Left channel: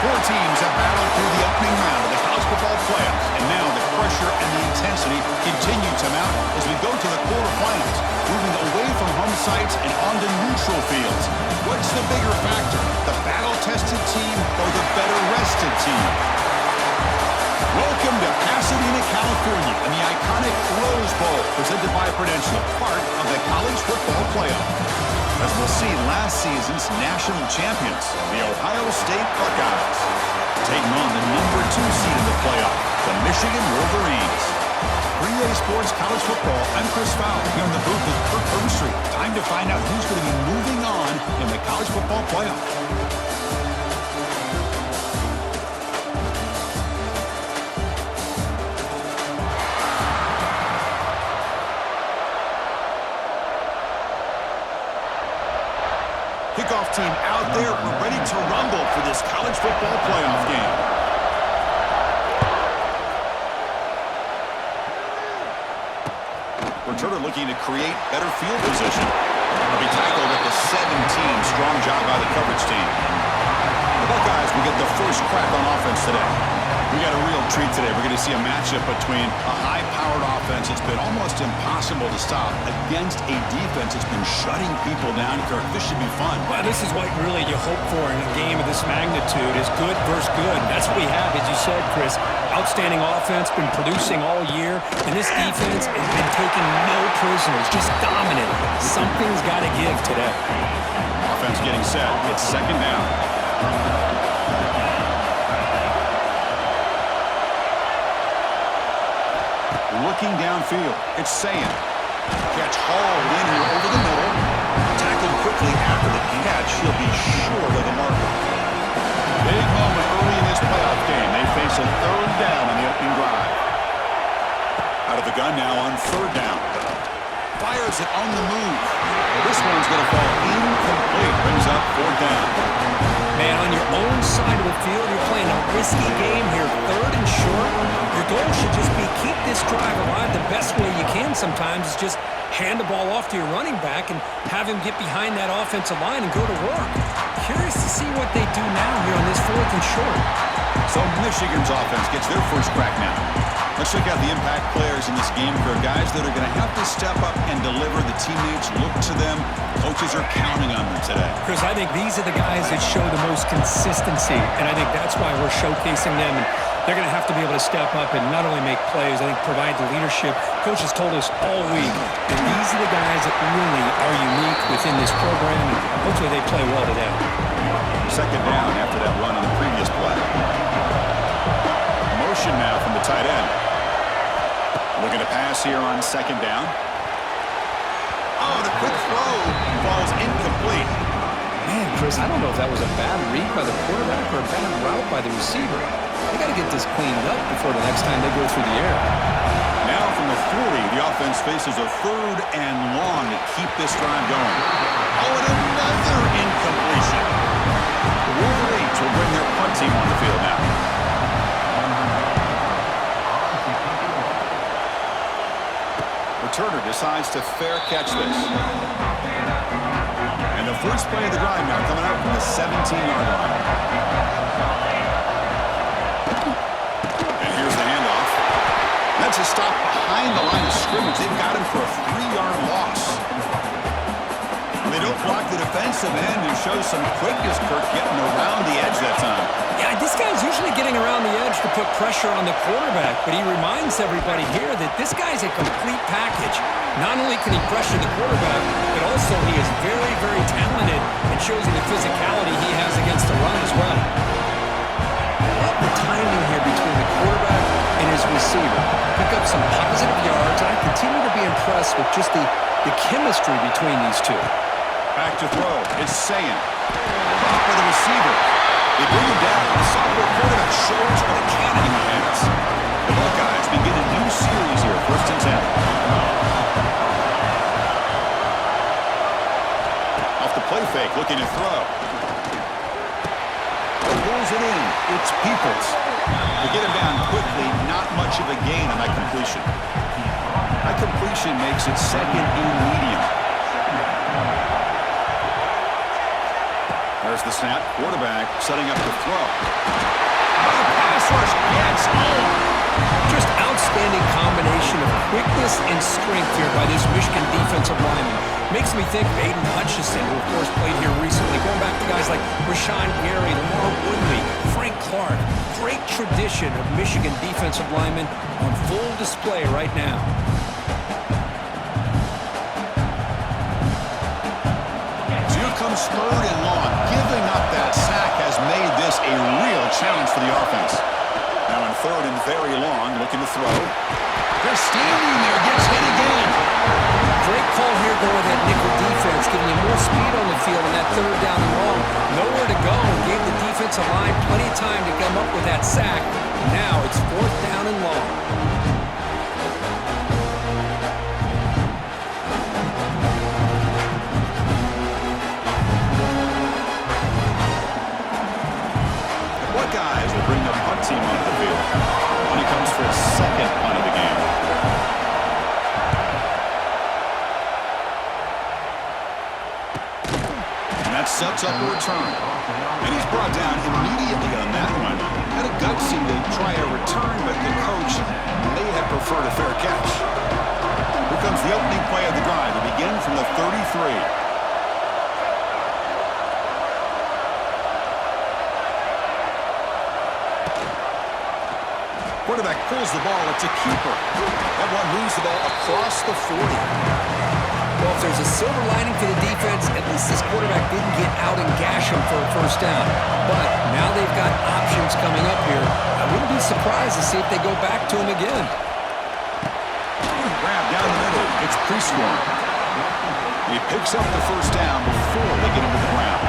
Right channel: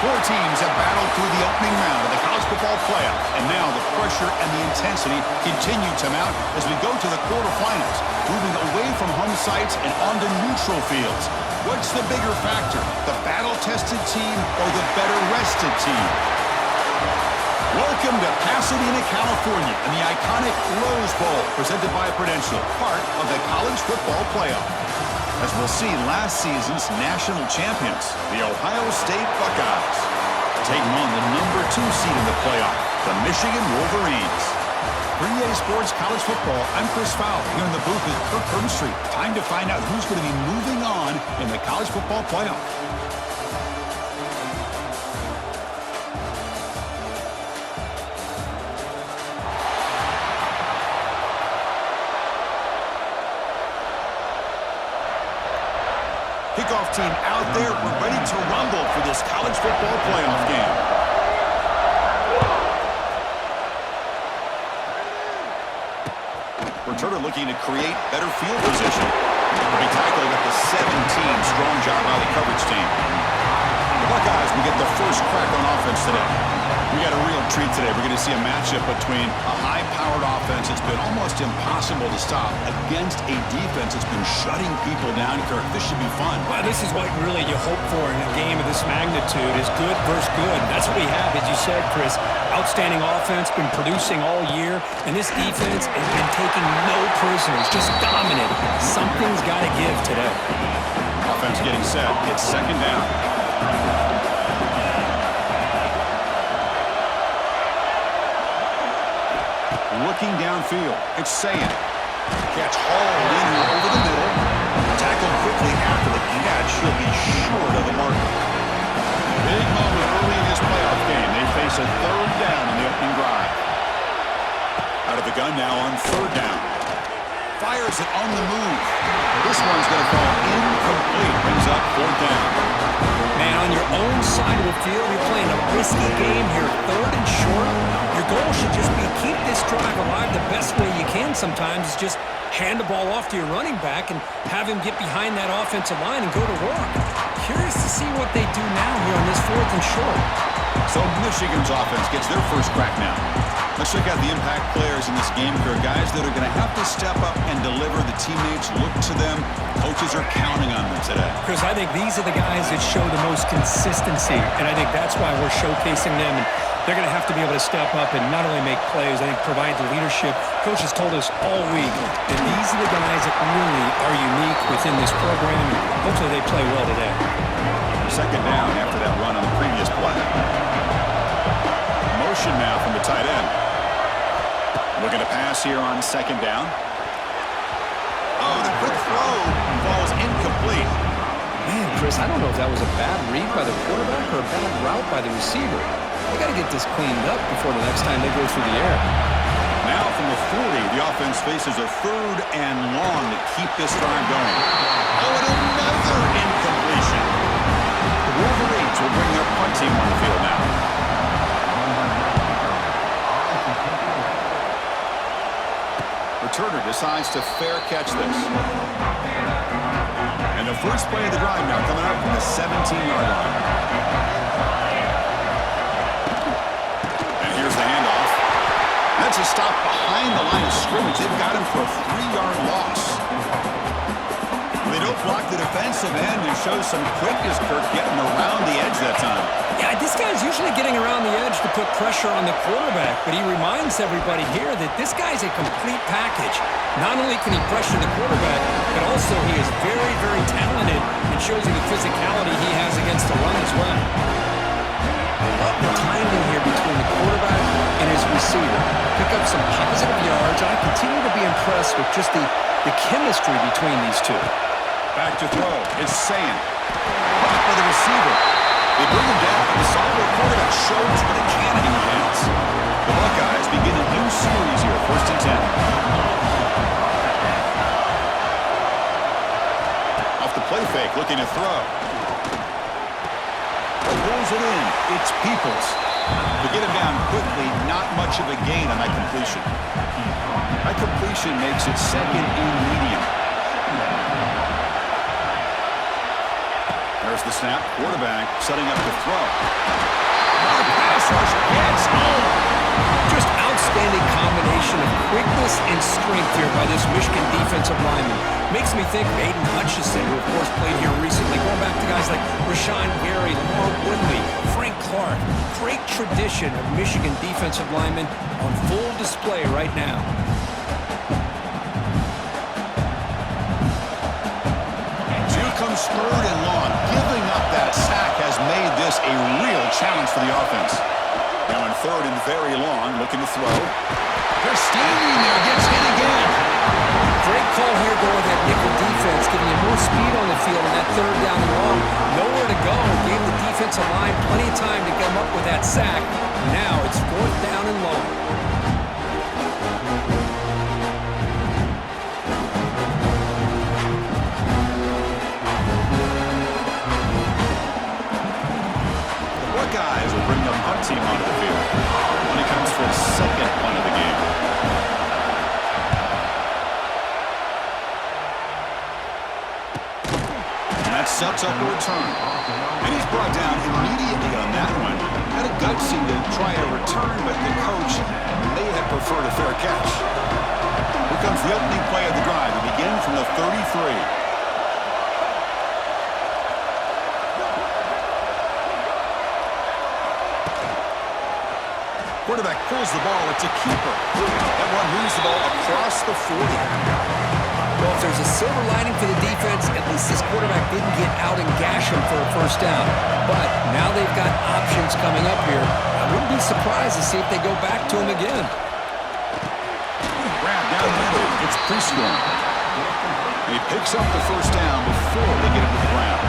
Four teams have battled through the opening round of the college football playoff, and now the pressure and the intensity continue to mount as we go to the quarterfinals, moving away from home sites and onto neutral fields. What's the bigger factor, the battle-tested team or the better-rested team? Welcome to Pasadena, California, and the iconic Rose Bowl, presented by Prudential, part of the college football playoff. As we'll see, last season's national champions, the Ohio State Buckeyes, taking on the number 2 seed in the playoff, the Michigan Wolverines. For EA Sports College Football, I'm Chris Fowler, here in the booth with Kirk Herbstreit. Time to find out who's going to be moving on in the college football playoff. Kickoff team out there. We're ready to rumble for this college football playoff game. Returner looking to create better field position. He'll be tackled at the 17. Strong job by the coverage team. The Buckeyes will get the first crack on offense today. We got a real treat today. We're going to see a matchup between a high-powered offense that's been almost impossible to stop against a defense that's been shutting people down. Kirk, this should be fun. Well, this is what really you hope for in a game of this magnitude is good versus good. That's what we have, as you said, Chris. Outstanding offense, been producing all year, and this defense has been taking no prisoners, just dominant. Something's got to give today. Offense getting set. It's second down. Looking downfield, it's Sayin. Catch hauled in here over the middle. Tackled quickly after the catch. He'll be short of the marker. Big moment early in this playoff game. They face a third down on the opening drive. Out of the gun now on third down. Fires it on the move. This one's going to fall incomplete. Brings up fourth down. Man, on your own side of the field, you're playing a risky game here, third and short. Your goal should just be keep this drive alive the best way you can sometimes is just hand the ball off to your running back and have him get behind that offensive line and go to work. Curious to see what they do now here on this fourth and short. So Michigan's offense gets their first crack now. Let's check out the impact players in this game for guys that are going to have to step up and deliver. The teammates look to them. Coaches are counting on them today. Chris, I think these are the guys that show the most consistency, and I think that's why we're showcasing them. And they're going to have to be able to step up and not only make plays, I think provide the leadership. Coach has told us all week that these are the guys that really are unique within this program, and hopefully they play well today. Second down after that run on the previous play. Motion now from the tight end. Looking to pass here on second down. Oh, the quick throw falls incomplete. Man, Chris, I don't know if that was a bad read by the quarterback or a bad route by the receiver. They got to get this cleaned up before the next time they go through the air. Now from the 40, the offense faces a third and long to keep this drive going. Oh, and another incompletion. The Wolverines will bring their punt team on the field now. Returner decides to fair catch this. And the first play of the drive now coming out from the 17-yard line. And here's the handoff. That's a stop behind the line of scrimmage. They've got him for a 3-yard loss. They don't block the defensive end and show some quickness, Kirk, getting around the edge that time. Yeah, this guy's usually getting around the edge to put pressure on the quarterback, but he reminds everybody here that this guy's a complete package. Not only can he pressure the quarterback, but also he is very, very talented and shows you the physicality he has against the run as well. I love the timing here between the quarterback and his receiver. Pick up some positive yards, and I continue to be impressed with just the chemistry between these two. Back to throw. It's Sayin. Caught by the receiver. They bring him down, but the sophomore quarterback shows what a cannon he has. The Buckeyes begin a new series here, 1st and 10. Off the play fake, looking to throw. Pulls it in. It's Peoples. They get him down quickly, not much of a gain on that completion. That completion makes it second and medium. There's the snap. Quarterback setting up to throw. Another pass rush gets home. Just outstanding combination of quickness and strength here by this Michigan defensive lineman. Makes me think of Aiden Hutchinson, who of course played here recently. Going back to guys like Rashawn Gary, Lamar Woodley, Frank Clark. Great tradition of Michigan defensive linemen on full display right now. Here comes 3rd and long. Giving up that sack has made this a real challenge for the offense. Now in 3rd and very long, looking to throw. They're standing there, gets hit again. Great call here going with that nickel defense, giving you more speed on the field in that 3rd down and long. Nowhere to go. Gave the defensive line plenty of time to come up with that sack. Now it's 4th down and long. Guys will bring the punt team onto the field when he comes for his 2nd punt of the game. And that sets up a return. And he's brought down immediately on that one. Had a gutsy to try a return, but the coach may have preferred a fair catch. Here comes the opening play of the drive. They begin from the 33. Quarterback pulls the ball. It's a keeper. That one moves the ball across the 40. Well, if there's a silver lining for the defense, at least this quarterback didn't get out and gash him for a 1st down. But now they've got options coming up here. I wouldn't be surprised to see if they go back to him again. Grab down the middle. It's Prescorn. He picks up the 1st down before they get him to the ground.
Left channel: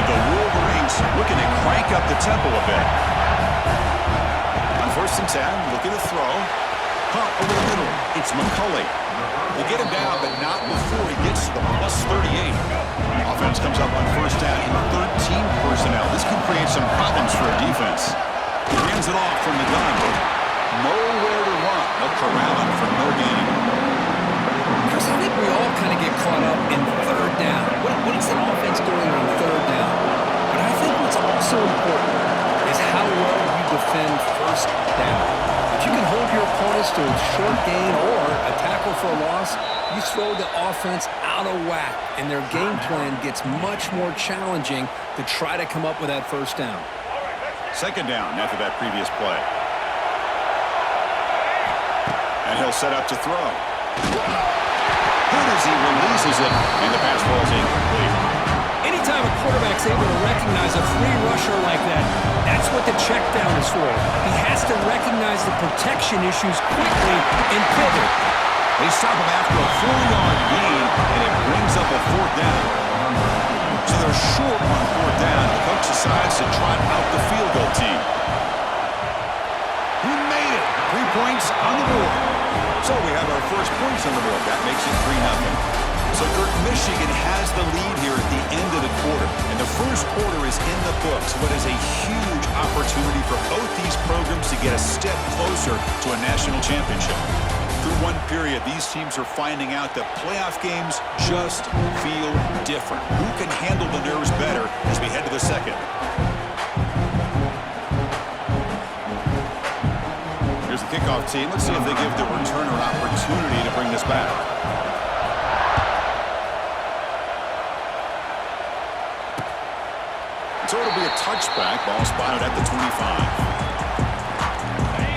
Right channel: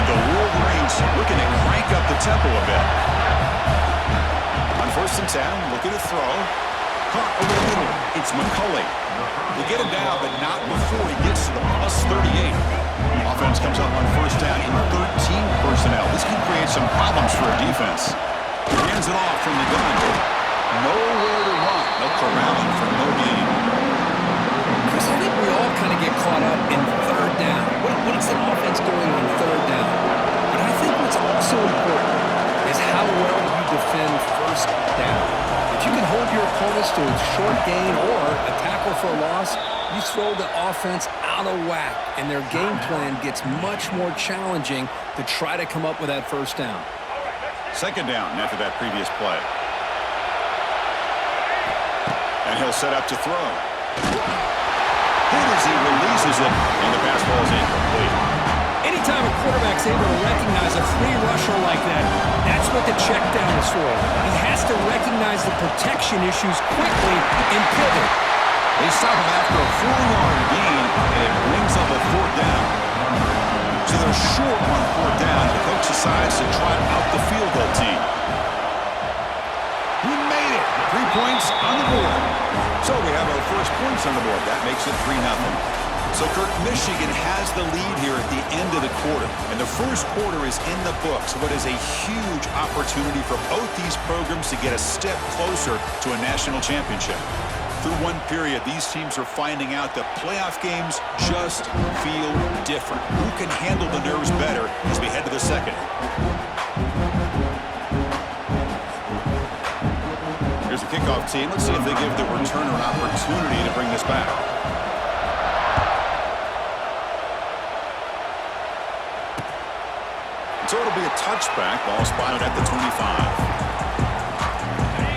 And the Wolverines looking to crank up the tempo a bit. On 1st and 10, looking to throw. Caught over the middle. It's McCulley. They get him down, but not before he gets to the +38. Offense comes up on 1st down in 13 personnel. This can create some problems for a defense. He hands it off from the gun. Nowhere to run. They'll corral him for no gain. Chris, I think we all kind of get caught up in 3rd down. What is the offense doing on 3rd down? But I think what's also important is how well you defend 1st down. If you can hold your opponents to a short gain or a tackle for a loss, you throw the offense out of whack, and their game plan gets much more challenging to try to come up with that 1st down. 2nd down after that previous play. And he'll set up to throw. Hit as he releases it, and the pass ball is incomplete. Anytime a quarterback's able to recognize a free rusher like that, that's what the check down is for. He has to recognize the protection issues quickly and pivot. They stop him after a 4-yard gain, and it brings up a 4th down. So they're short on 4th down. The coach decides to trot out the field goal team. He made it. 3 points on the board. So we have our first points on the board. That makes it 3-0. So, Kirk, Michigan has the lead here at the end of the quarter. And the first quarter is in the books. What is a huge opportunity for both these programs to get a step closer to a national championship. Through one period, these teams are finding out that playoff games just feel different. Who can handle the nerves better as we head to the 2nd? Here's the kickoff team. Let's see if they give the returner an opportunity to bring this back. So it'll be a touchback. Ball spotted at the 25.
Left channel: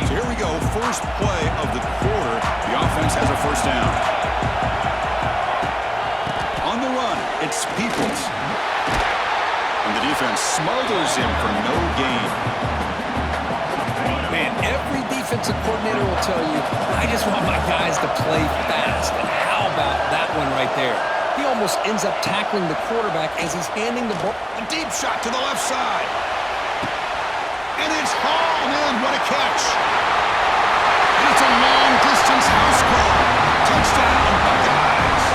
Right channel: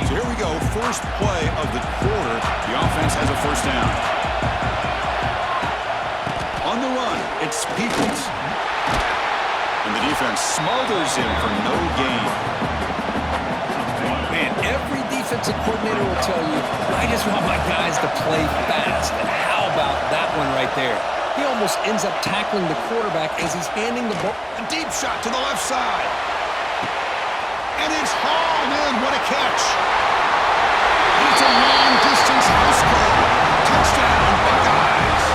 So here we go. First play of the quarter. The offense has a 1st down. On the run, it's Peoples. And the defense smothers him for no gain. Man, every defensive coordinator will tell you, I just want my guys to play fast. And how about that one right there? He almost ends up tackling the quarterback as he's handing the ball. A deep shot to the left side. And it's hauled in. What a catch. And it's a long-distance house call. Touchdown, Buckeyes.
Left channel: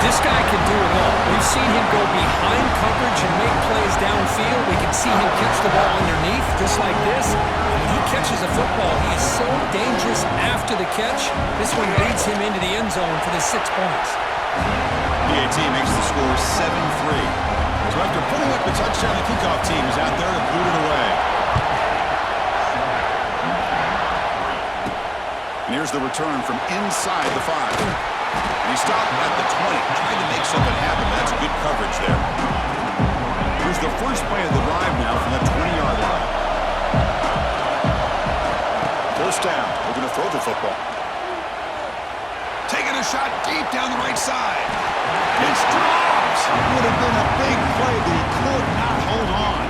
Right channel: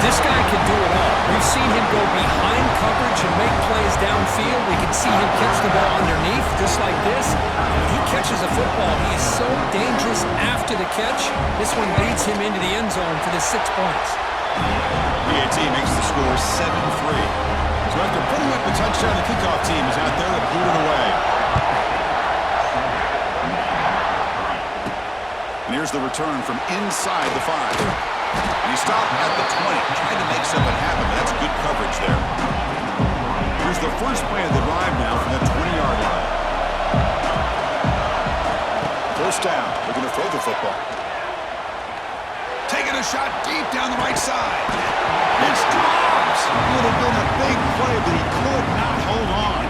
This guy can do it all. We've seen him go behind coverage and make plays downfield. We can see him catch the ball underneath, just like this. And when he catches a football, he is so dangerous after the catch. This one leads him into the end zone for the 6 points. PAT makes the score 7-3. So after putting up the touchdown, the kickoff team is out there to boot it away. And here's the return from inside the 5. And he stopped at the 20, trying to make something happen, but that's good coverage there. Here's the first play of the drive now from the 20-yard line. First down, looking to throw the football. Taking a shot deep down the right side. It's dropped. Would have been a big play, but he could not hold on.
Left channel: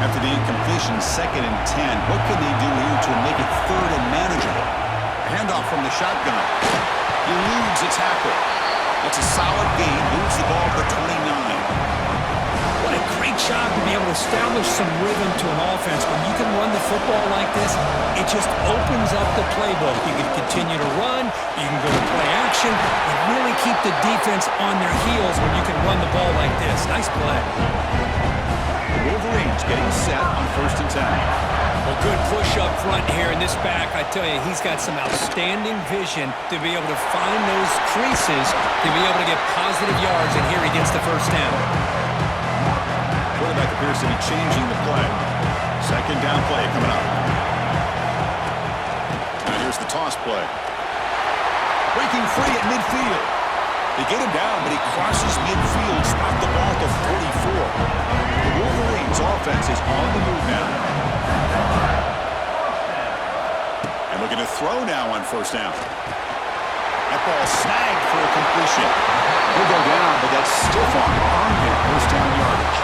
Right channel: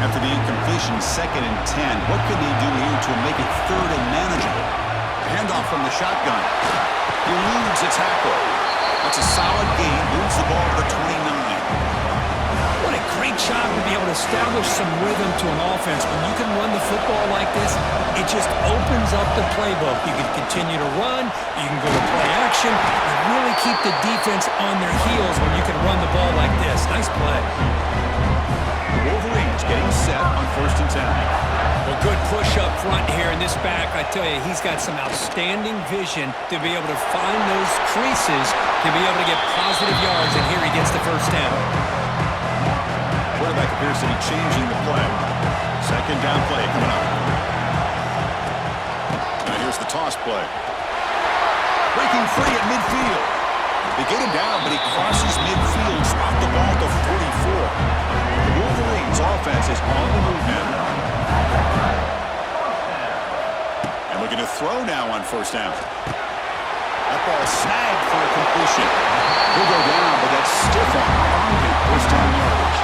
After the incompletion, 2nd and 10, what can they do here to make it 3rd and manageable? A handoff from the shotgun. Eludes a tackle. That's a solid gain. Moves the ball to the 29. What a great job to be able to establish some rhythm to an offense. When you can run the football like this, it just opens up the playbook. You can continue to run. You can go to play action. And really keep the defense on their heels when you can run the ball like this. Nice play. The Wolverines getting set on 1st and 10. Well, good push up front here in this back. I tell you, he's got some outstanding vision to be able to find those creases to be able to get positive yards, and here he gets the first down. Quarterback appears to be changing the play. 2nd down play coming up. Now here's the toss play. Breaking free at midfield. They get him down, but he crosses midfield, spot the ball at the 44. The Wolverines offense is on the move now. And looking to throw now on 1st down. That ball snagged for a completion. He'll go down, but that stiff arm earned him 1st down yardage.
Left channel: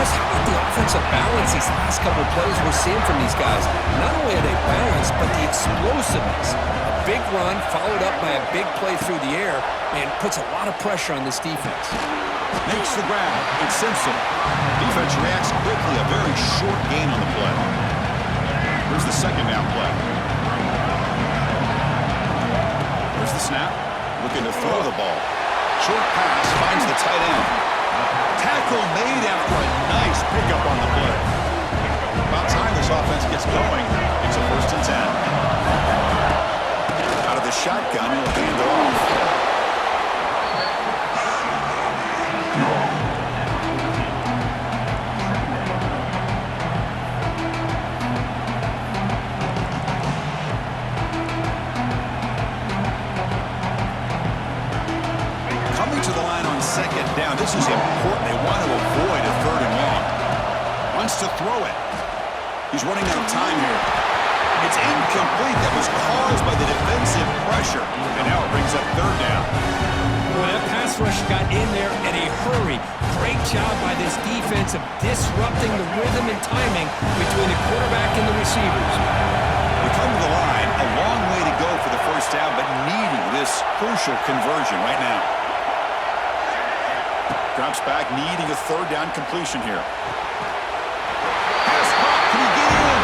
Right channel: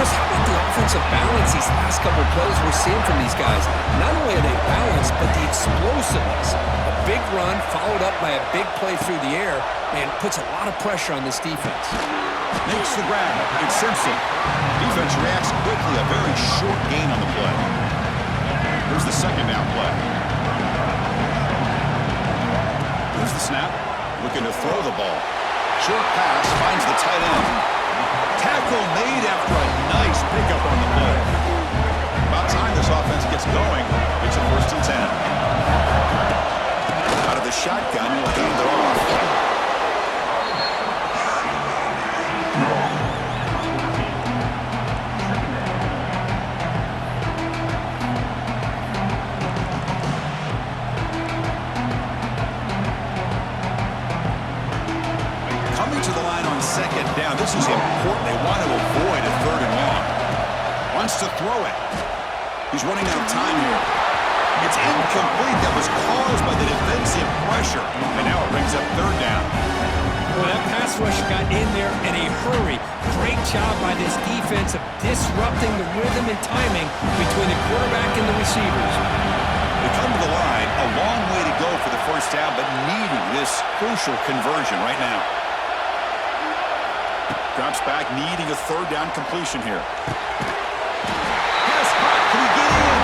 Chris, how about the offensive balance these last couple of plays we're seeing from these guys? Not only are they balanced, but the explosiveness. A big run followed up by a big play through the air, man, puts a lot of pressure on this defense. Makes the grab. It's Simpson. Defense reacts quickly. A very short gain on the play. Here's the 2nd down play. Here's the snap. Looking to throw the ball. Short pass finds the tight end. Tackle made after a nice pickup on the play. About time this offense gets going. It's a 1st and 10. Out of the shotgun, he'll hand it off. To the line on 2nd down. This is important. They want to avoid a 3rd and long. Wants to throw it. He's running out of time here. It's incomplete. That was caused by the defensive pressure. And now it brings up 3rd down. Well, that pass rush got in there in a hurry. Great job by this defense of disrupting the rhythm and timing between the quarterback and the receivers. They come to the line. A long way to go for the 1st down, but needing this crucial conversion right now. Drops back, needing a 3rd down completion here. Pass caught. Can he get in?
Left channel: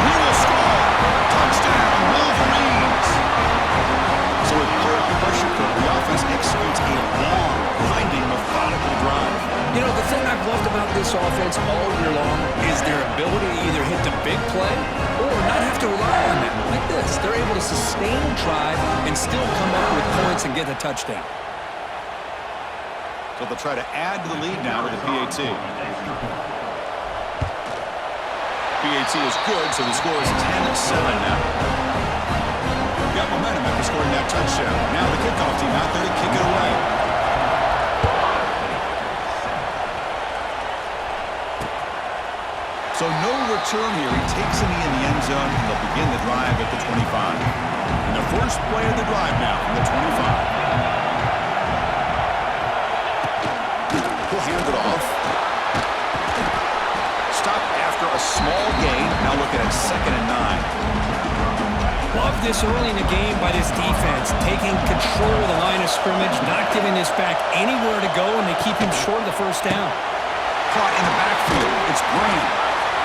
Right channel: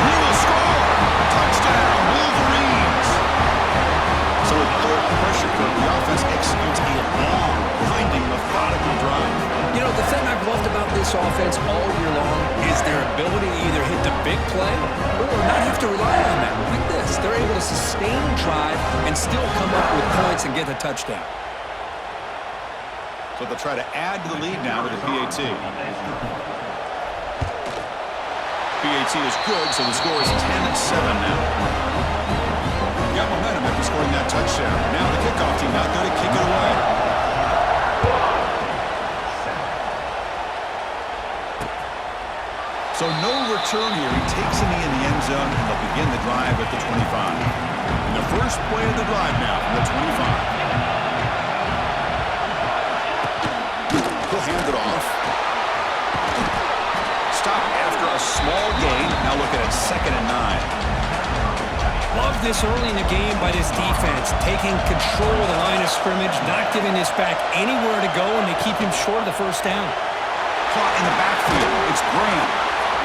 And he will score. Touchdown, Wolverines. So with playoff pressure curve, the offense executes a long, grinding, methodical drive. You know, the thing I've loved about this offense all year long is their ability to either hit the big play or not have to rely on that. Like this, they're able to sustain a drive and still come up with points and get a touchdown. So they'll try to add to the lead now with the PAT. PAT is good, so the score is 10-7 now. Got momentum after scoring that touchdown. Now the kickoff team out there to kick it away. So no return here. He takes a knee in the end zone, and they'll begin the drive at the 25. And the first play of the drive now from the 25. He'll hand it off. Stop after a small gain. Now looking at 2nd and 9. Love this early in the game by this defense, taking control of the line of scrimmage, not giving this back anywhere to go, and they keep him short of the 1st down. Caught in the backfield. It's Graham.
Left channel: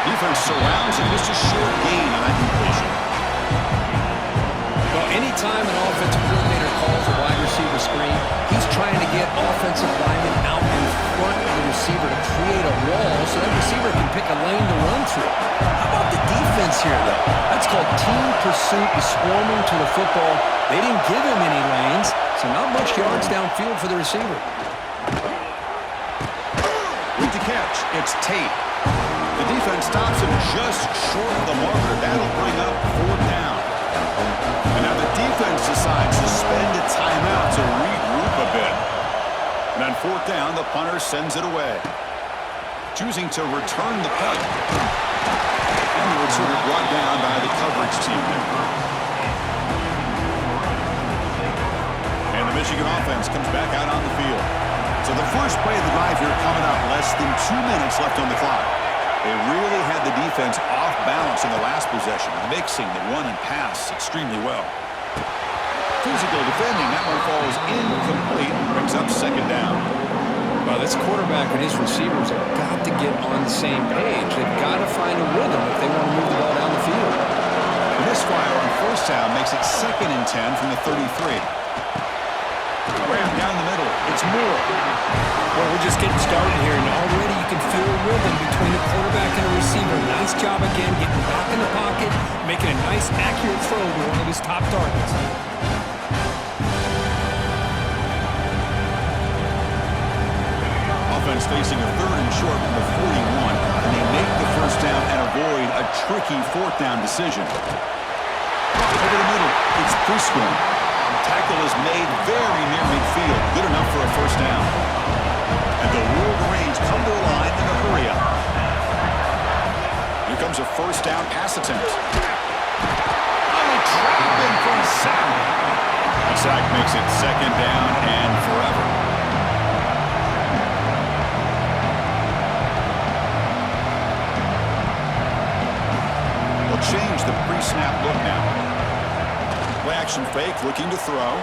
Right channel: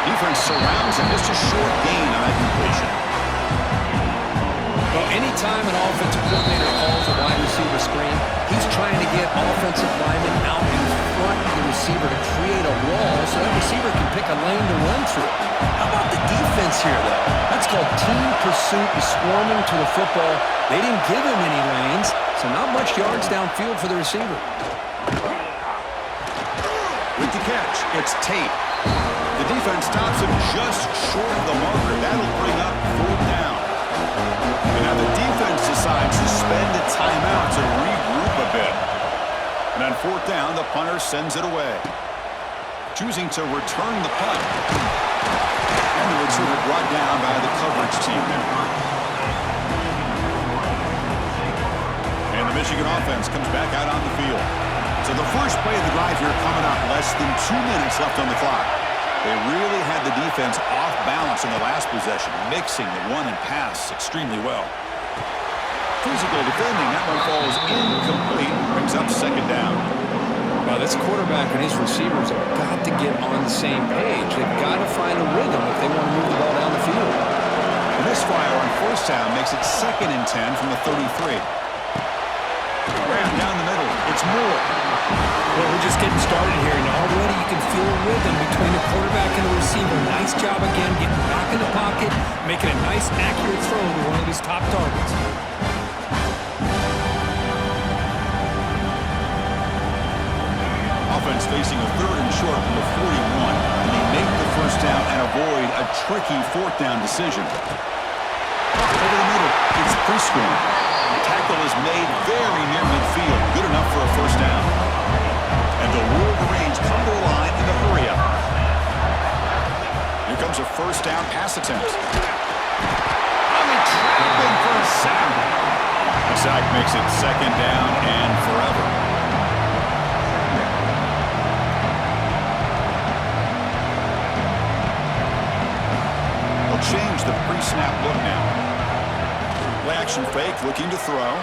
Defense surrounds him. Just a short gain on that completion. Well, anytime an offensive coordinator calls a wide receiver screen, he's trying to get offensive linemen out in front of the receiver to create a wall so that receiver can pick a lane to run through. How about the defense here, though? That's called team pursuit and swarming to the football. They didn't give him any lanes, so not much yards downfield for the receiver. catch. It's Tate. The defense stops him just short of the marker. That'll bring up 4th down. And now the defense decides to spend a timeout to regroup a bit. And on 4th down, the punter sends it away, choosing to return the punt. And the returner brought down by the coverage team there. And the Michigan offense comes back out on the field. So the first play of the drive here coming up, less than 2 minutes left on the clock. They really had the defense off balance in the last possession, mixing the run and pass extremely well. Physical defending, that one falls incomplete, brings up 2nd down. Well, this quarterback and his receivers have got to get on the same page. They've got to find a rhythm if they want to move the ball down the field. And this fire on 1st down makes it 2nd and 10 from the 33. Ran down the middle. It's Moore. Well, we're just getting started here, and already you can feel a rhythm between the quarterback and the receiver. Nice job again, getting back in the pocket, making a nice, accurate throw to one of his top targets. Offense facing a 3rd and short from the 41, and they make the 1st down and avoid a tricky 4th down decision. Over the middle, it's Prescorn. Tackle is made very near midfield. Good enough for a 1st down. And the Wolverines come to the line in a hurry-up. Here comes a 1st down pass attempt. Only trapping for a sack. A sack makes it 2nd down and forever. They'll change the pre-snap look now. Play action fake, looking to throw.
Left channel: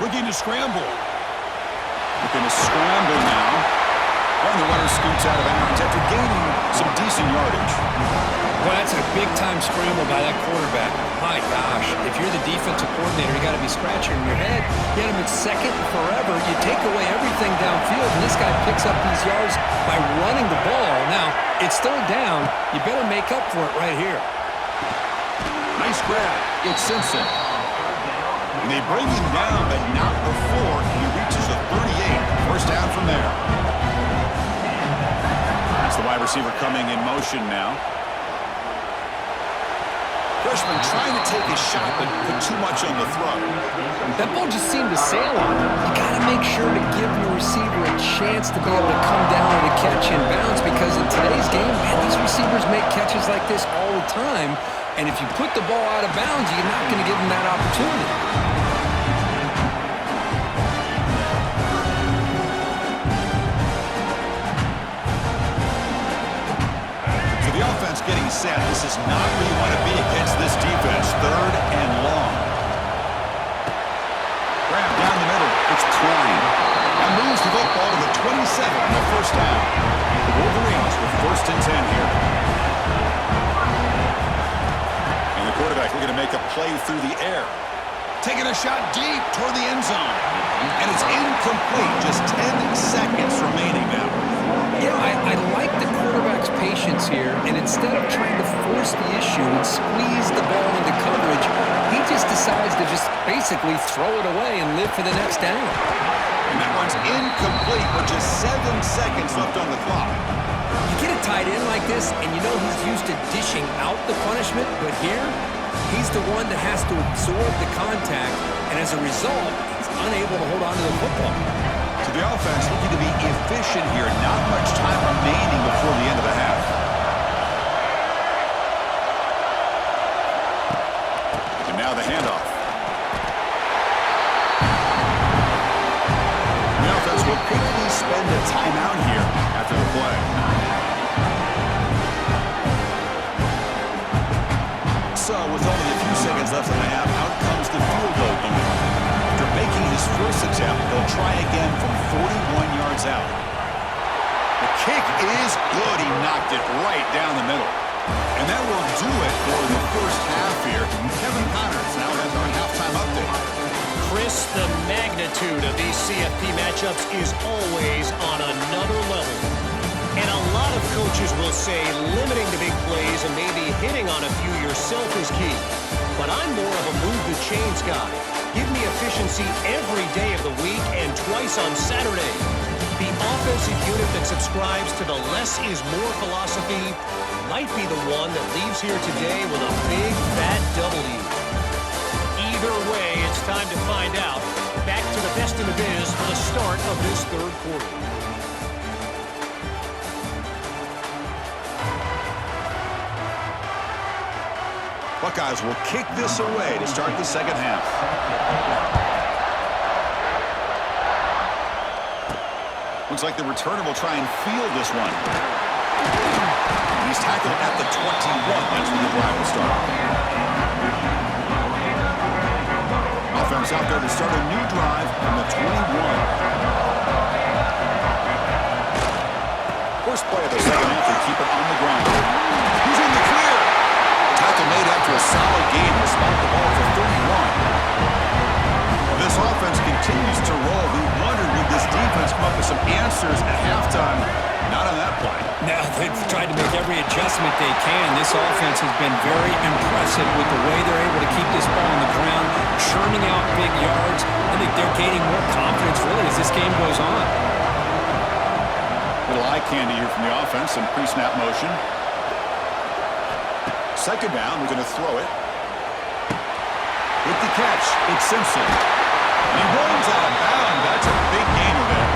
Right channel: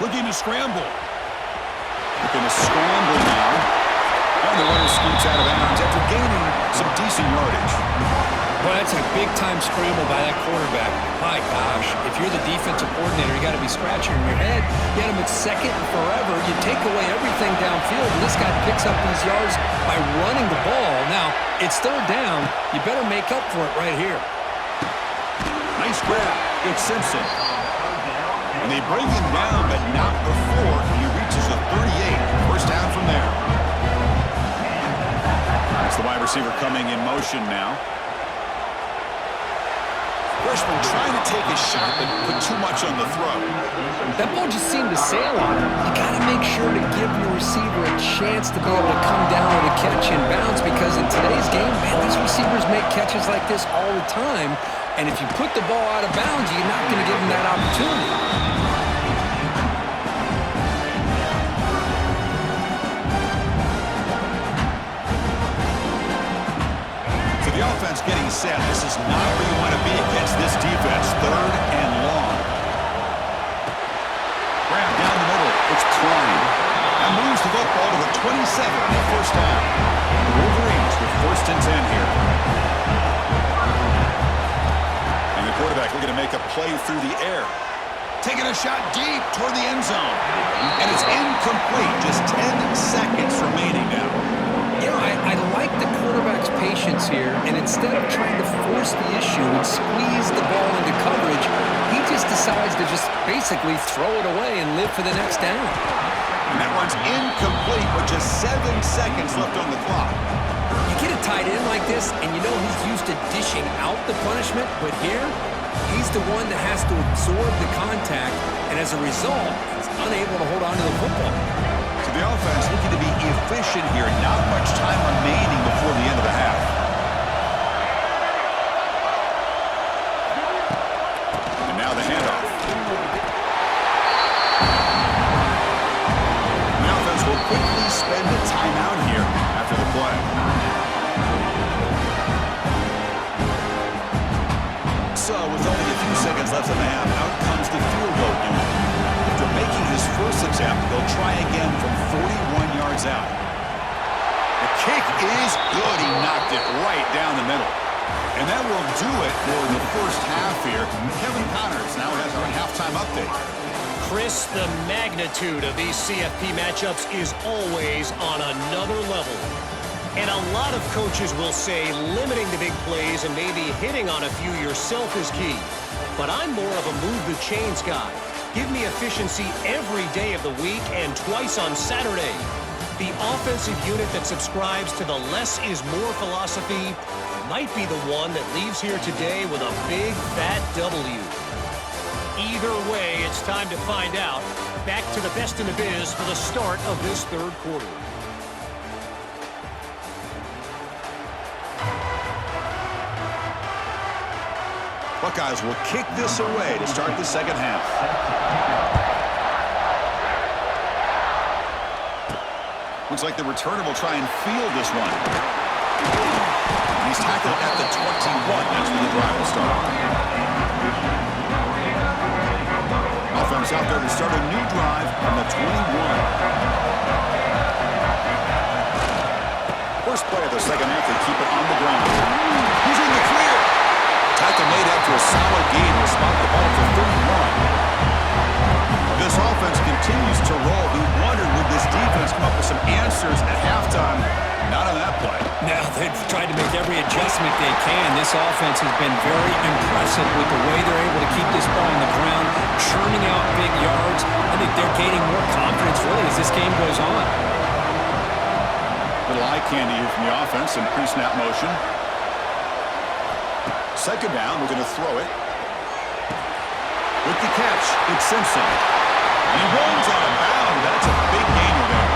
Looking to scramble. Looking to scramble now. And the runner scoots out of bounds after gaining some decent yardage. Well, that's a big-time scramble by that quarterback. My gosh, if you're the defensive coordinator, you got to be scratching your head. You had him at 2nd and forever. You take away everything downfield, and this guy picks up these yards by running the ball. Now, it's 3rd down. You better make up for it right here. Nice grab. It's Simpson. And they bring him down, but not before he reaches the 38. 1st down from there. That's the wide receiver coming in motion now. Freshman trying to take a shot, but put too much on the throw. That ball just seemed to sail on him. You got to make sure to give your receiver a chance to be able to come down with a catch in bounds, because in today's game, man, these receivers make catches like this all the time. And if you put the ball out of bounds, you're not going to give them that opportunity. So the offense getting set. This is not where you want to be against this defense. 3rd and long. Grab down the middle. It's Klein. That moves the football to the 27 on the 1st down. The Wolverines with 1st and 10 here. The quarterback looking to make a play through the air. Taking a shot deep toward the end zone. And it's incomplete. Just 10 seconds remaining now. You know, I like the quarterback's patience here, and instead of trying to force the issue and squeeze the ball into coverage, he just decides to just basically throw it away and live for the next down. And that one's incomplete with just 7 seconds left on the clock. You get a tight end like this, and you know he's used to dishing out the punishment, but here, he's the one that has to absorb the contact, and as a result, he's unable to hold on to the football. So the offense looking to be efficient here. Not much time remaining before the end of the half. And now the handoff. The offense will quickly spend a timeout here after the play. So with only a few seconds left in the half, out comes the field goal unit. After making his first attempt, he'll try again from 41 yards out. The kick is good. He knocked it right down the middle. And that will do it for the first half here. Kevin Connors now has our halftime update. Chris, the magnitude of these CFP matchups is always on another level. And a lot of coaches will say limiting the big plays and maybe hitting on a few yourself is key. But I'm more of a move the chains guy. Give me efficiency every day of the week and twice on Saturday. The offensive unit that subscribes to the less is more philosophy might be the one that leaves here today with a big, fat W. Either way, it's time to find out. Back to the best in the biz for the start of this third quarter. Buckeyes will kick this away to start the second half. Looks like the returner will try and field this one. He's tackled at the 21. That's where the drive will start. Offense out there to start a new drive from the 21. First play of the second half, they keep it on the ground. Who's in the clear? Tackle made after a solid gain to spot the ball for 31. This offense continues to roll. We wondered, would this defense come up with some answers at halftime? Not on that play. Now, they've tried to make every adjustment they can. This offense has been very impressive with the way they're able to keep this ball on the ground, churning out big yards. I think they're gaining more confidence, really, as this game goes on. Little eye candy here from the offense in pre-snap motion. Second down, we're going to throw it. With the catch, it's Simpson. And he runs out of bounds. That's a big gainer there.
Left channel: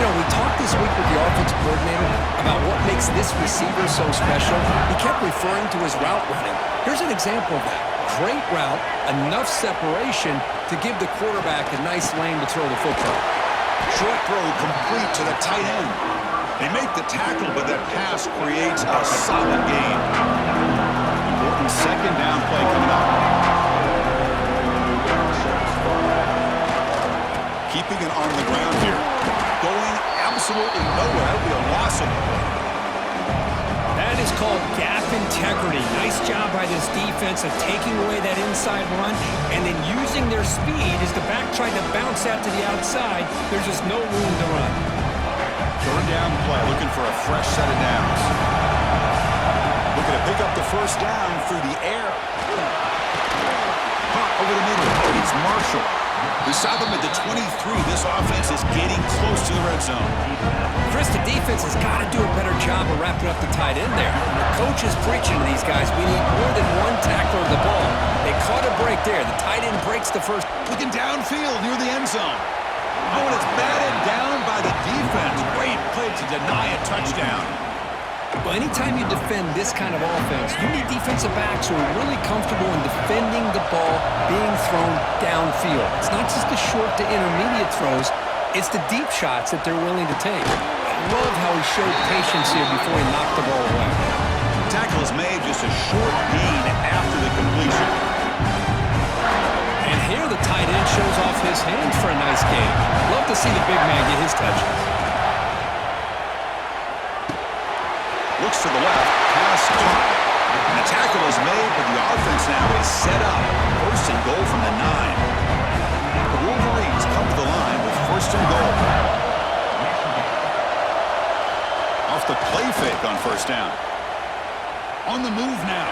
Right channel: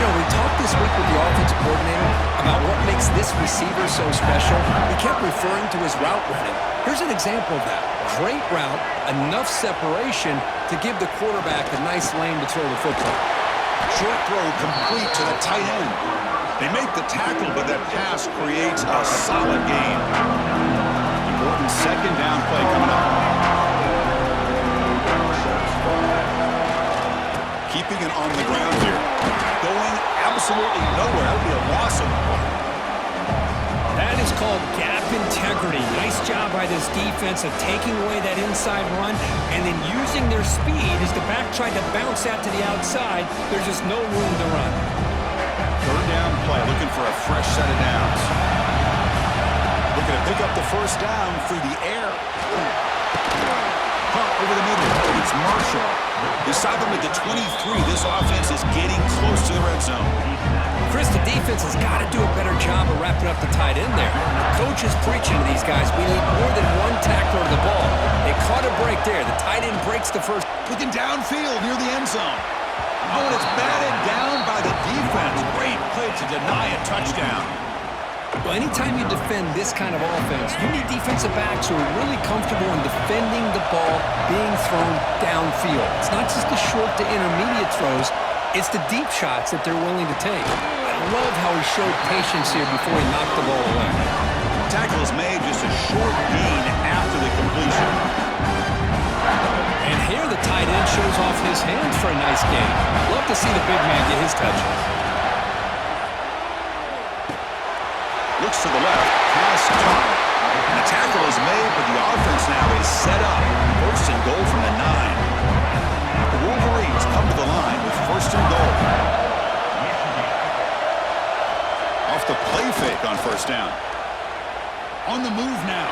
You know, we talked this week with the offensive coordinator about what makes this receiver so special. He kept referring to his route running. Here's an example of that. Great route, enough separation to give the quarterback a nice lane to throw the football. Short throw complete to the tight end. They make the tackle, but that pass creates a solid gain. Important second down play coming up. Keeping it on the ground here. Going absolutely nowhere. That would be a loss of the play. That is called gap integrity. Nice job by this defense of taking away that inside run and then using their speed as the back tried to bounce out to the outside. There's just no room to run. Third down play, looking for a fresh set of downs. Looking to pick up the first down through the air. Caught over the middle. It's Marshall. They stop him at the 23. This offense is getting close to the red zone. Chris, the defense has got to do a better job of wrapping up the tight end there. The coach is preaching to these guys. We need more than one tackler to the ball. They caught a break there. The tight end breaks the first. Looking downfield near the end zone. Oh, and it's batted down by the defense. Great play to deny a touchdown. Well, anytime you defend this kind of offense, you need defensive backs who are really comfortable in defending the ball being thrown downfield. It's not just the short to intermediate throws, it's the deep shots that they're willing to take. I love how he showed patience here before he knocked the ball away. Tackle is made just a short gain after the completion. And here the tight end shows off his hands for a nice gain. Love to see the big man get his touches. Looks to the left, pass caught. And the tackle is made, but the offense now is set up. First and goal from the 9. The Wolverines come to the line with first and goal. Off the play fake on first down. On the move now.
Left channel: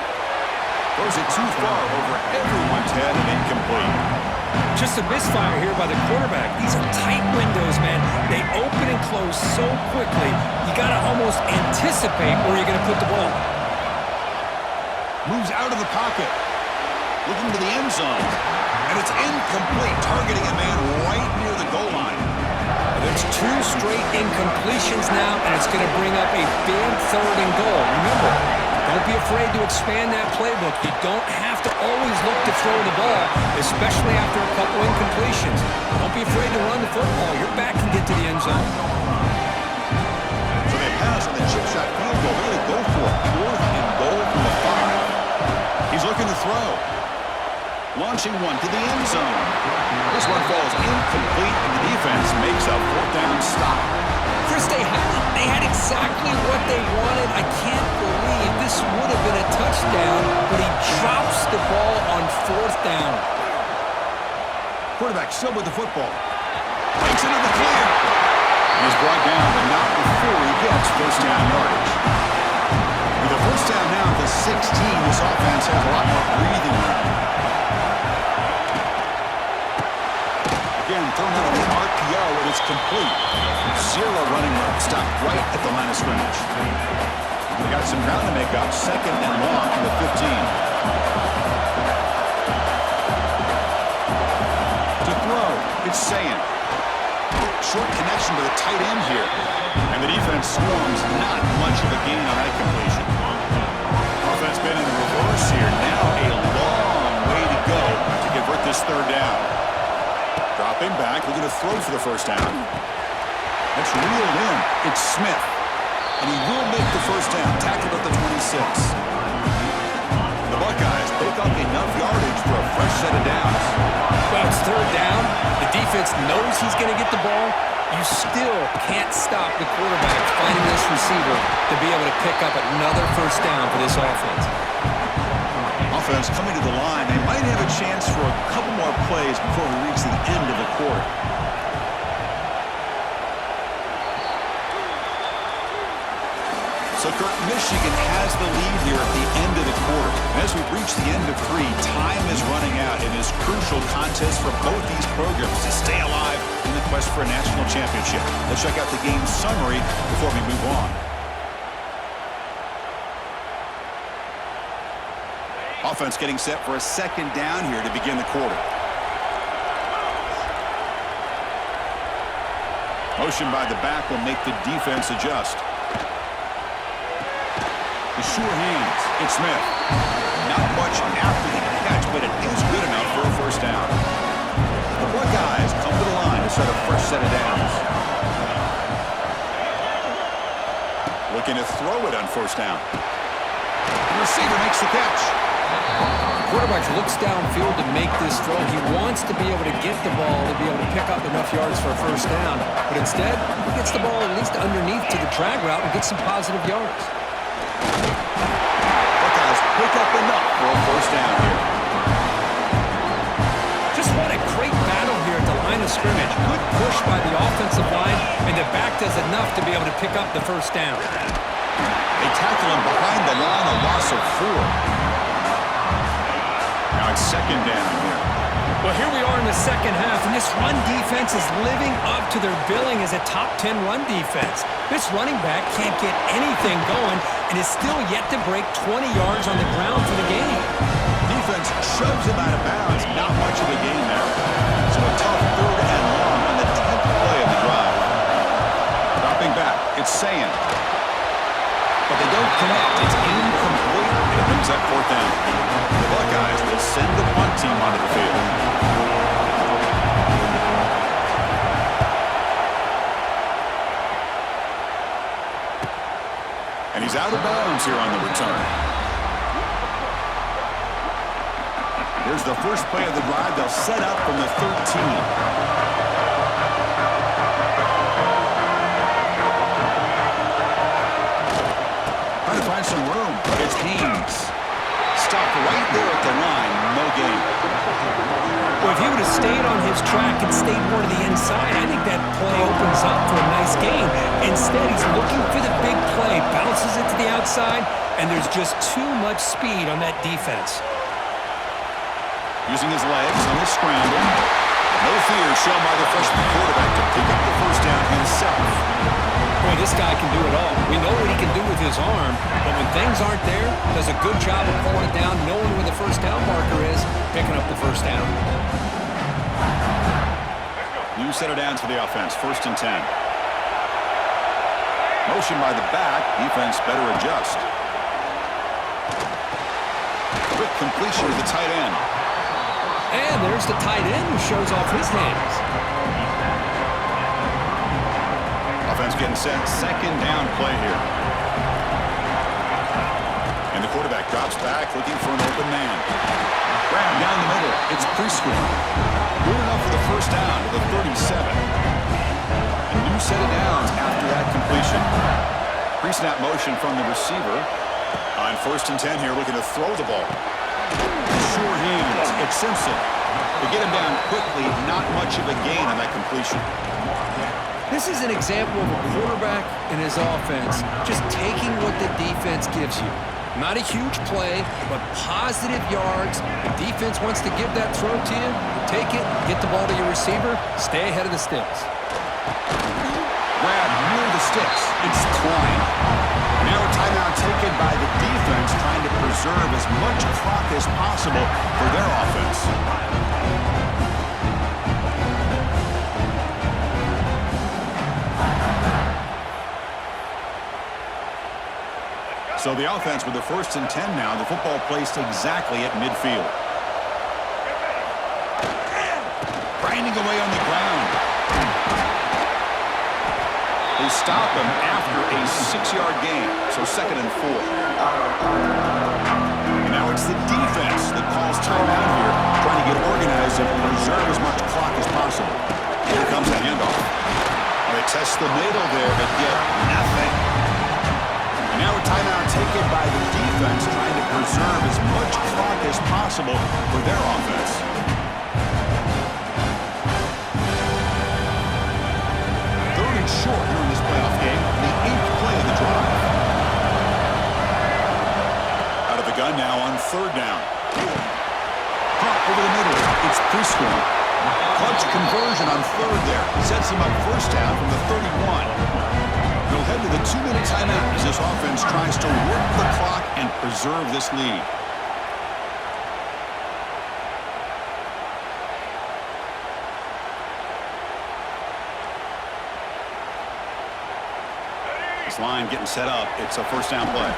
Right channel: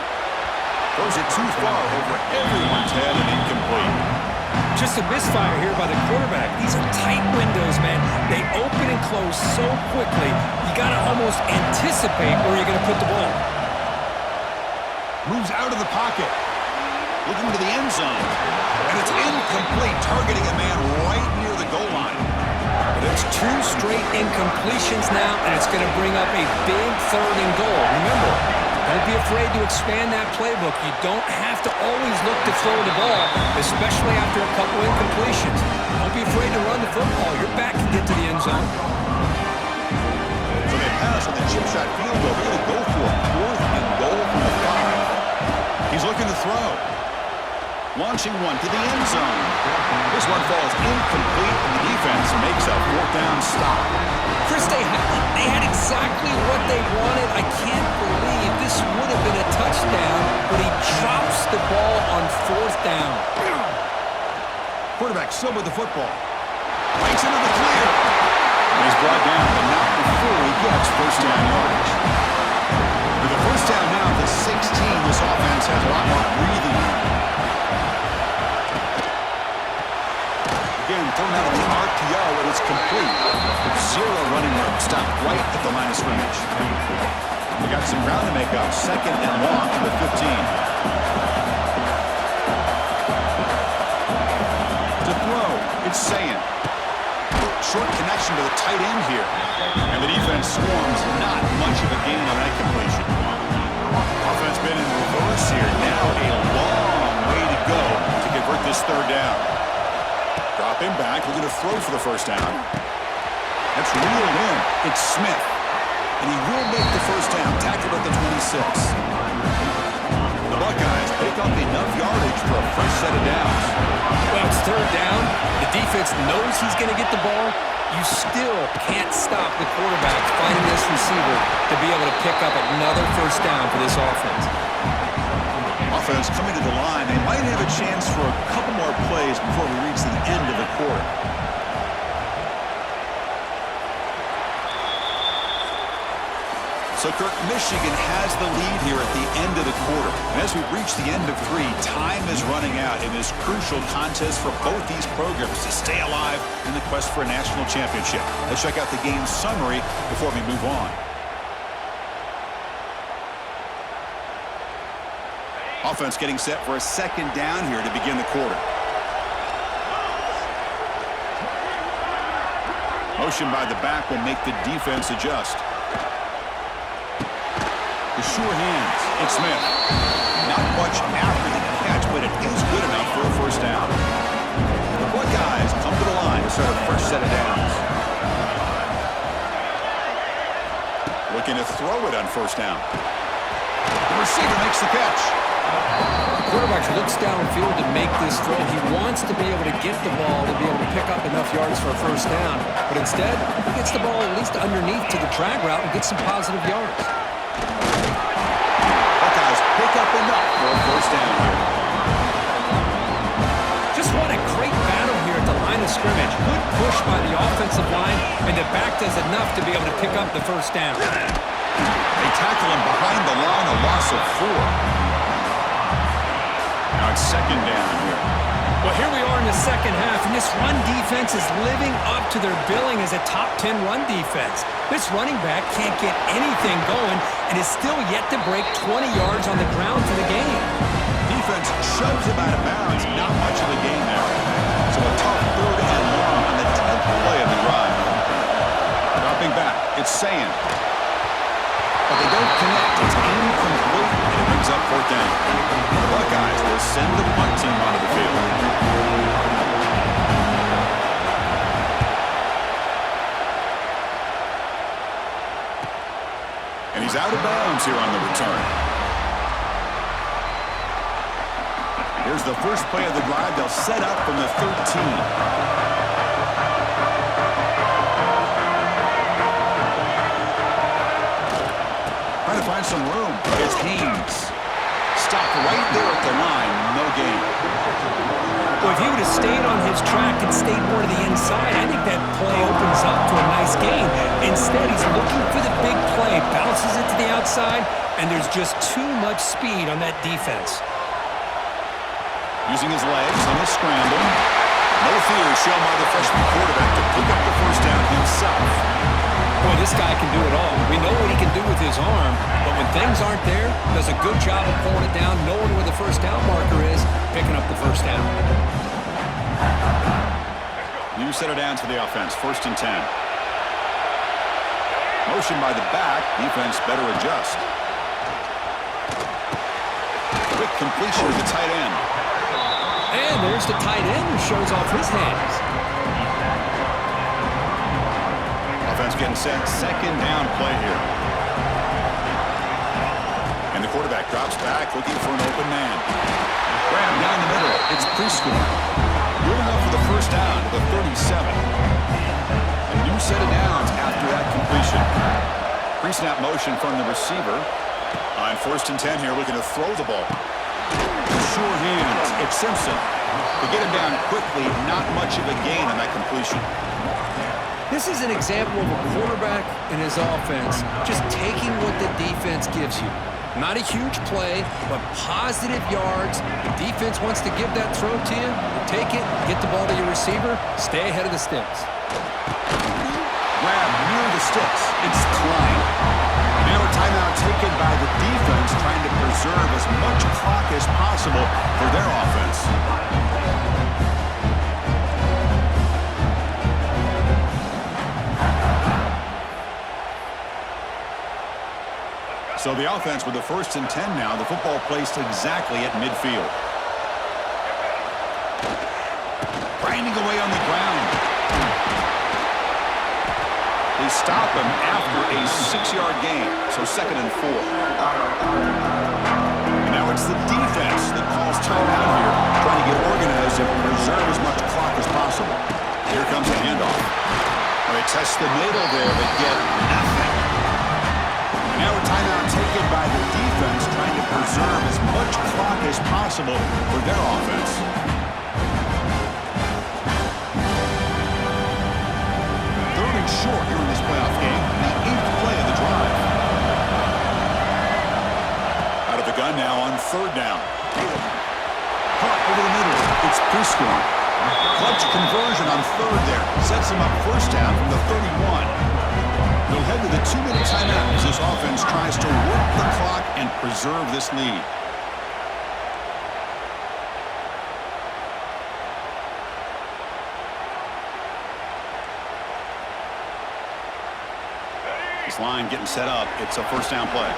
Throws it too far over everyone's head and incomplete. Just a misfire here by the quarterback. These are tight windows, man. They open and close so quickly, you got to almost anticipate where you're going to put the ball. Moves out of the pocket. Looking to the end zone. And it's incomplete, targeting a man right near the goal line. And it's 2 straight incompletions now, and it's going to bring up a big third and goal. Remember, don't be afraid to expand that playbook. You don't have to always look to throw the ball, especially after a couple incompletions. Don't be afraid to run the football. Your back can get to the end zone. So they pass on the chip shot field goal. They're going to go for it. Fourth and goal from the 5. He's looking to throw. Launching one to the end zone. This one falls incomplete, and the defense makes a fourth down stop. Chris, they had exactly what they wanted. I can't believe this would have been a touchdown, but he drops the ball on fourth down. Quarterback still with the football. Breaks into the clear. He's brought down, but not before he gets first down yardage. With the first down now at the 16, this offense has a lot more breathing room. Again, thrown out of the RPO, and it's complete. Zero running room. Stopped right at the line of scrimmage. They got some ground to make up. Second and long from the 15. To throw, it's Sayin. Short connection to the tight end here. And the defense swarms. Not much of a gain on that completion. Offense been in reverse here. Now a long way to go to convert this third down. Dropping back, looking to throw for the first down. That's reeled in. It's Smith. And he will make the first down. Tackled at the 26. The Buckeyes pick up enough yardage for a fresh set of downs. Well, it's third down. The defense knows he's going to get the ball. You still can't stop the quarterback finding this receiver to be able to pick up another first down for this offense. Offense coming to the line. They might have a chance for a couple more plays before we reach the end of the quarter. So, Kirk, Michigan has the lead here at the end of the quarter. And as we reach the end of 3, time is running out in this crucial contest for both these programs to stay alive in the quest for a national championship. Let's check out the game summary before we move on. Offense getting set for a second down here to begin the quarter. Motion by the back will make the defense adjust. The sure hands. It's Smith. Not much after the catch, but it is good enough for a first down. The Buckeyes come to the line to start a fresh set of downs. Looking to throw it on first down. The receiver makes the catch. The quarterback looks downfield to make this throw. He wants to be able to get the ball to be able to pick up enough yards for a first down. But instead, he gets the ball at least underneath to the drag route and gets some positive yards. Buckeyes pick up enough for a first down here. Just what a great battle here at the line of scrimmage. Good push by the offensive line, and the back does enough to be able to pick up the first down. They tackle him behind the line, a loss of 4. Now it's second down here. Well, here we are in the second half, and this run defense is living up to their billing as a top 10 run defense. This running back can't get anything going and is still yet to break 20 yards on the ground for the game. Defense shoves him out of bounds. Not much of a gain there. So a tough third and long on the 10th play of the drive. Dropping back, it's Sayin. But they don't connect. It's incomplete, and it brings up fourth down. The Buckeyes will send the punt team onto the field. And he's out of bounds here on the return. Here's the first play of the drive. They'll set up from the 13. Trying to find some room. It's Haynes. Stopped right there at the line. No gain. Well, if he would have stayed on his track and stayed more to the inside, I think that play opens up for a nice gain. Instead, he's looking for the big play. Bounces it to the outside, and there's just too much speed on that defense. Using his legs on the scramble. No fear shown by the freshman quarterback to pick up the first down himself. Boy, this guy can do it all. We know what he can do with his arm, but when things aren't there, does a good job of pulling it down, knowing where the first down marker is, picking up the first down. New set of downs for the offense. First and 10. Motion by the back. Defense better adjust. Quick completion to the tight end. And there's the tight end who shows off his hands. Offense getting set. Second down play here. And the quarterback drops back looking for an open man. Grab down the middle. It's Prescorn. Good enough for the first down to the 37. A new set of downs after that completion. Pre-snap motion from the receiver. On first and 10 here, looking to throw the ball. Sure hands. It's Simpson. To get him down quickly, not much of a gain on that completion. This is an example of a quarterback and his offense just taking what the defense gives you. Not a huge play, but positive yards. The defense wants to give that throw to you. You take it, get the ball to your receiver, stay ahead of the sticks. Grab near the sticks. It's Klein. Now a timeout taken by the defense, trying to preserve as much clock as possible for their offense. So the offense with the 1st and 10 now. The football placed exactly at midfield. Grinding away on the ground. They stop him after a 6-yard gain, so 2nd and 4. And now it's the defense that calls timeout here, trying to get organized and preserve as much clock as possible. Here comes the handoff. Well, they test the middle there, but get nothing. And now a timeout taken by the defense, trying to preserve as much clock as possible for their offense. Short here in this playoff game, the 8th play of the drive. Out of the gun now on 3rd down. Caught over the middle. It's Prescorn. Clutch conversion on 3rd there. Sets him up 1st down from the 31. They'll head to the 2-minute timeout as this offense tries to work the clock and preserve this lead. This line getting set up. It's a 1st down play.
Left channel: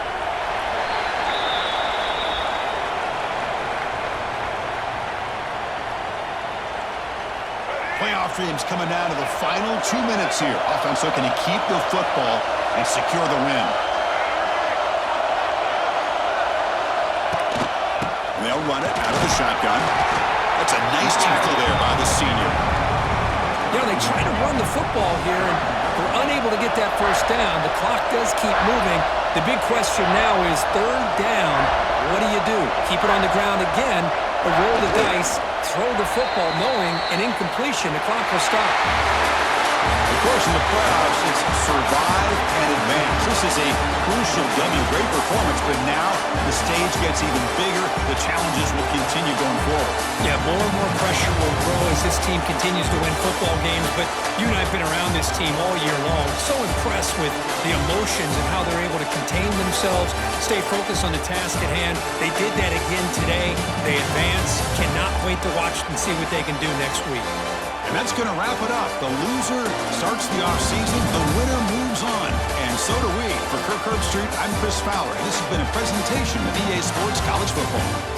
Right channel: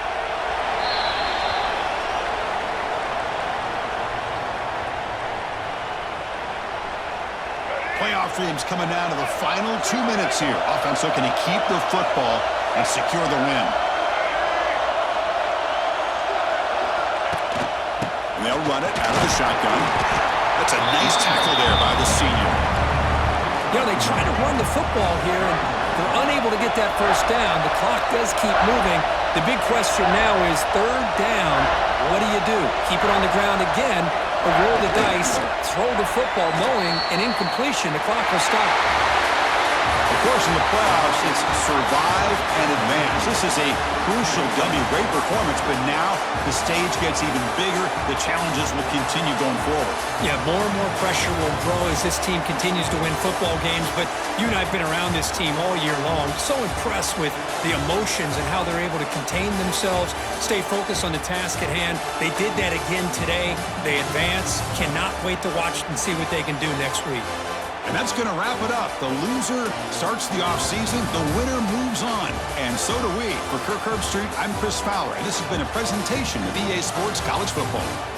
Playoff dreams coming down to the final 2 minutes here. Offense looking to keep the football and secure the win. And they'll run it out of the shotgun. That's a nice tackle there by the senior. You know, they try to run the football here, and they're unable to get that 1st down. The clock does keep moving. The big question now is 3rd down. What do you do? Keep it on the ground again, or roll the dice, throw the football, knowing an incompletion, the clock will stop. Of course, in the playoffs, it's survive and advance. This is a crucial W. Great performance, but now the stage gets even bigger. The challenges will continue going forward. Yeah, more and more pressure will grow as this team continues to win football games, but you and I have been around this team all year long. So impressed with the emotions and how they're able to contain themselves, stay focused on the task at hand. They did that again today. They advance. Cannot wait to watch and see what they can do next week. And that's going to wrap it up. The loser starts the offseason. The winner moves on. And so do we. For Kirk Herbstreit, I'm Chris Fowler, and this has been a presentation of EA Sports College Football.